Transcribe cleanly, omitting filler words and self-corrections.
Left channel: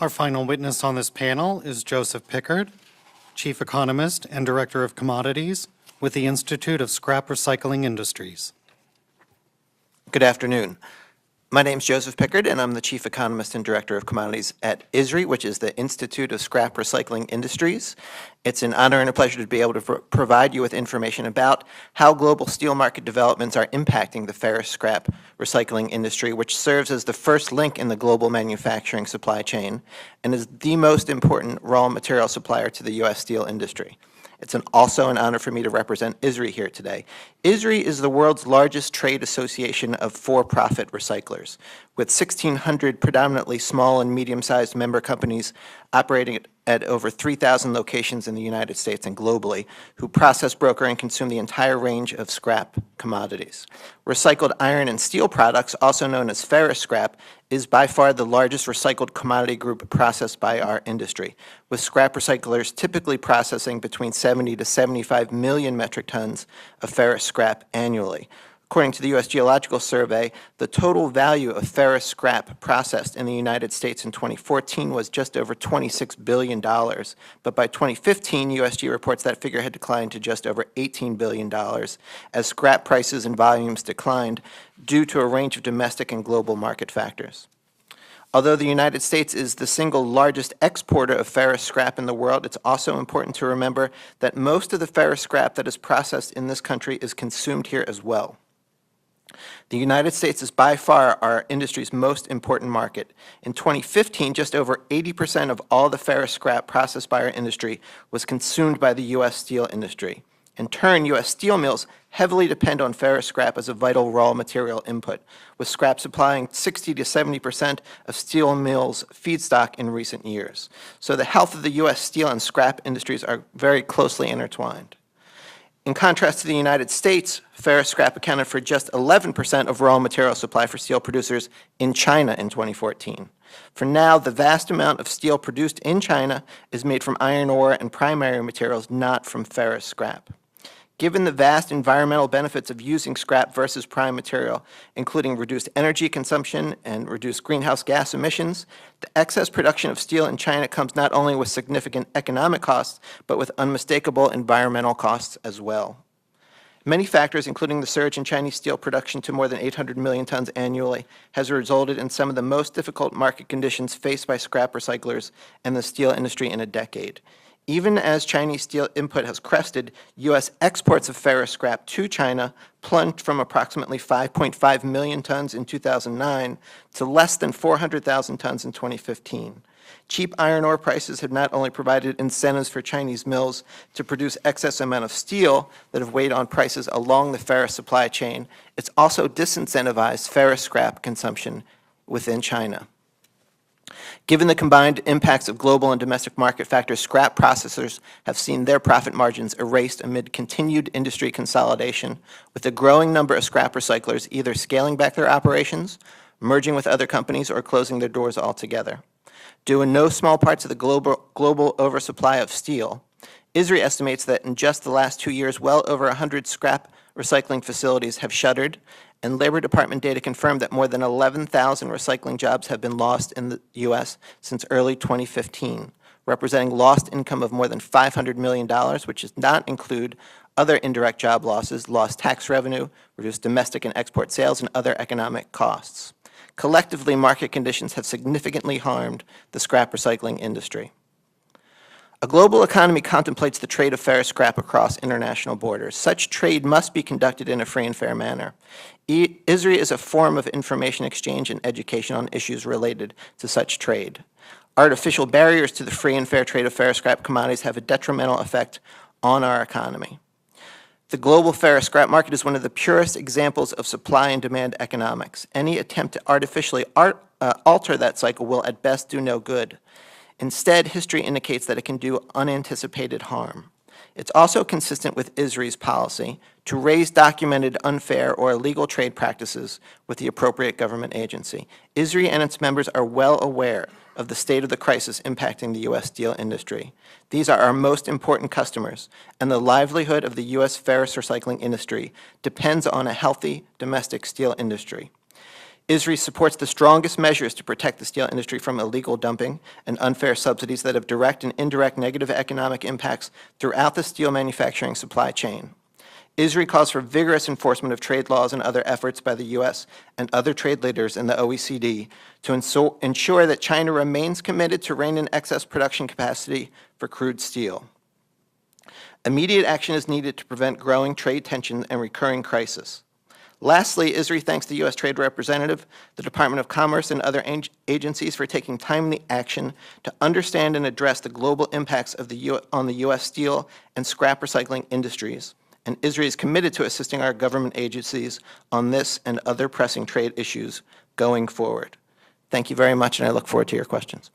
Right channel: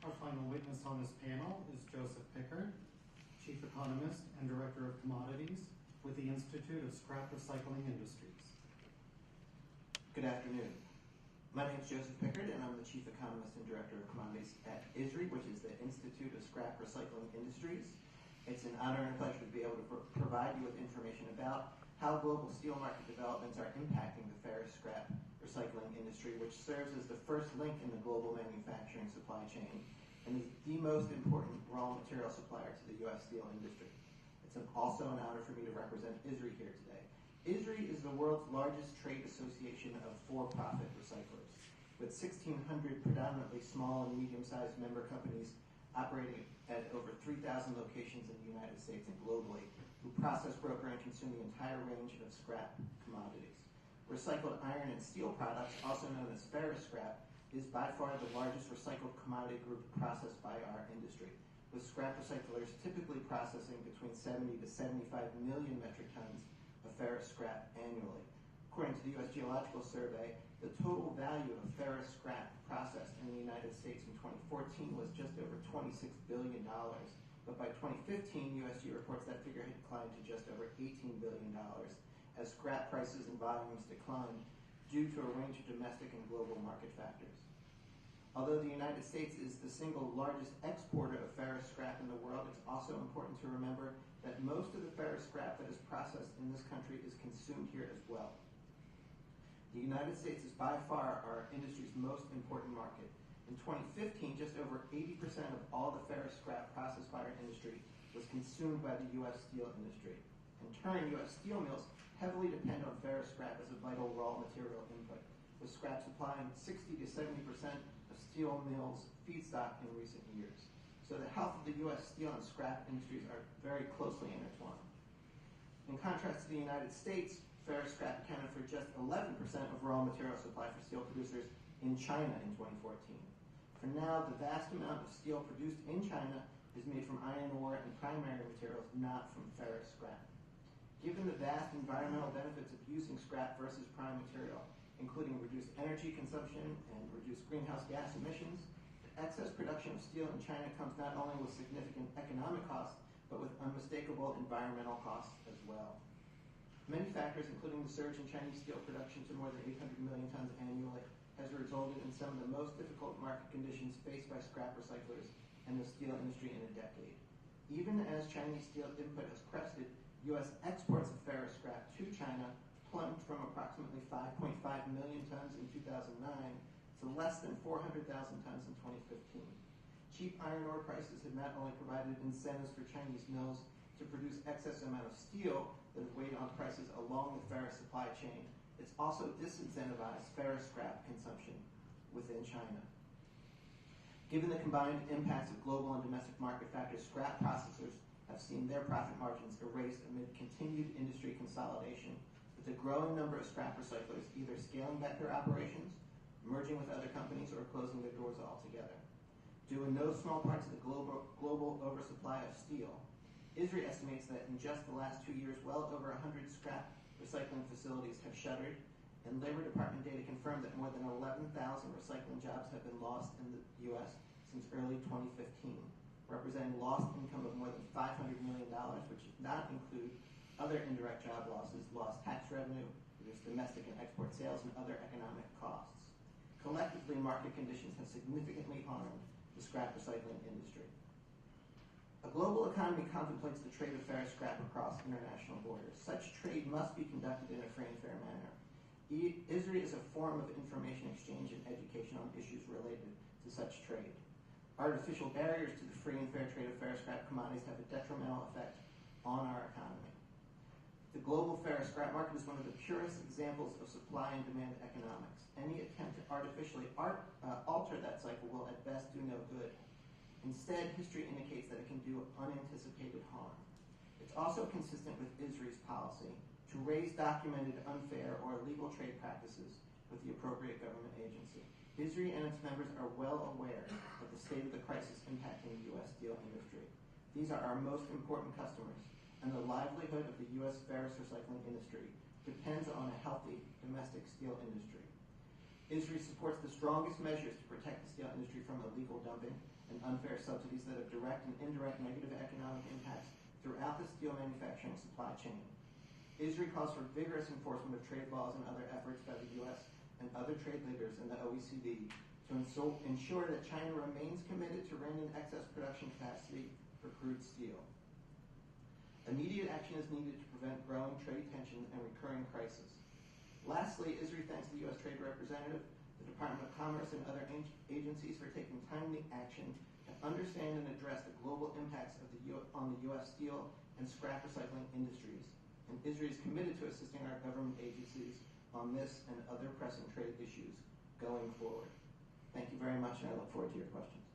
Our final witness on this panel is Joseph Pickard, Chief Economist and Director of Commodities with the Institute of Scrap Recycling Industries. Good afternoon. My name is Joseph Pickard, and I'm the Chief Economist and Director of Commodities at ISRI, which is the Institute of Scrap Recycling Industries. It's an honor and a pleasure to be able to provide you with information about how global steel market developments are impacting the ferrous scrap recycling industry, which serves as the first link in the global manufacturing supply chain and is the most important raw material supplier to the U.S. steel industry. It's also an honor for me to represent ISRI here today. ISRI is the world's largest trade association of for-profit recyclers, with 1,600 predominantly small and medium-sized member companies operating at over 3,000 locations in the United States and globally, who process, broker, and consume the entire range of scrap commodities. Recycled iron and steel products, also known as ferrous scrap, is by far the largest recycled commodity group processed by our industry, with scrap recyclers typically processing between 70 to 75 million metric tons of ferrous scrap annually. According to the U.S. Geological Survey, the total value of ferrous scrap processed in the United States in 2014 was just over $26 billion, but by 2015, USG reports that figure had declined to just over $18 billion as scrap prices and volumes declined due to a range of domestic and global market factors. Although the United States is the single largest exporter of ferrous scrap in the world, it's also important to remember that most of the ferrous scrap that is processed in this country is consumed here as well. The United States is by far our industry's most important market. In 2015, just over 80% of all the ferrous scrap processed by our industry was consumed by the U.S. steel industry. In turn, U.S. steel mills heavily depend on ferrous scrap as a vital raw material input, with scrap supplying 60 to 70% of steel mills' feedstock in recent years. So the health of the U.S. steel and scrap industries are very closely intertwined. In contrast to the United States, ferrous scrap accounted for just 11% of raw material supply for steel producers in China in 2014. For now, the vast amount of steel produced in China is made from iron ore and primary materials, not from ferrous scrap. Given the vast environmental benefits of using scrap versus prime material, including reduced energy consumption and reduced greenhouse gas emissions, the excess production of steel in China comes not only with significant economic costs, but with unmistakable environmental costs as well. Many factors, including the surge in Chinese steel production to more than 800 million tons annually, has resulted in some of the most difficult market conditions faced by scrap recyclers and the steel industry in a decade. Even as Chinese steel input has crested, U.S. exports of ferrous scrap to China plunged from approximately 5.5 million tons in 2009 to less than 400,000 tons in 2015. Cheap iron ore prices have not only provided incentives for Chinese mills to produce excess amount of steel that have weighed on prices along the ferrous supply chain, it's also disincentivized ferrous scrap consumption within China. Given the combined impacts of global and domestic market factors, scrap processors have seen their profit margins erased amid continued industry consolidation, with a growing number of scrap recyclers either scaling back their operations, merging with other companies, or closing their doors altogether. Due in no small part to the global oversupply of steel, ISRI estimates that in just the last 2 years, well over 100 scrap recycling facilities have shuttered, and Labor Department data confirmed that more than 11,000 recycling jobs have been lost in the U.S. since early 2015, representing lost income of more than $500 million, which does not include other indirect job losses, lost tax revenue, reduced domestic and export sales, and other economic costs. Collectively, market conditions have significantly harmed the scrap recycling industry. A global economy contemplates the trade of ferrous scrap across international borders. Such trade must be conducted in a free and fair manner. ISRI is a forum of information exchange and education on issues related to such trade. Artificial barriers to the free and fair trade of ferrous scrap commodities have a detrimental effect on our economy. The global ferrous scrap market is one of the purest examples of supply and demand economics. Any attempt to artificially alter that cycle will at best do no good. Instead, history indicates that it can do unanticipated harm. It's also consistent with ISRI's policy to raise documented unfair or illegal trade practices with the appropriate government agency. ISRI and its members are well aware of the state of the crisis impacting the U.S. steel industry. These are our most important customers, and the livelihood of the U.S. ferrous recycling industry depends on a healthy domestic steel industry. ISRI supports the strongest measures to protect the steel industry from illegal dumping and unfair subsidies that have direct and indirect negative economic impacts throughout the steel manufacturing supply chain. ISRI calls for vigorous enforcement of trade laws and other efforts by the U.S. and other trade leaders in the OECD to ensure that China remains committed to rein in excess production capacity for crude steel. Immediate action is needed to prevent growing trade tensions and recurring crisis. Lastly, ISRI thanks the U.S. Trade Representative, the Department of Commerce, and other agencies for taking timely action to understand and address the global impacts of on the U.S. steel and scrap recycling industries. And ISRI is committed to assisting our government agencies on this and other pressing trade issues going forward. Thank you very much, and I look forward to your questions.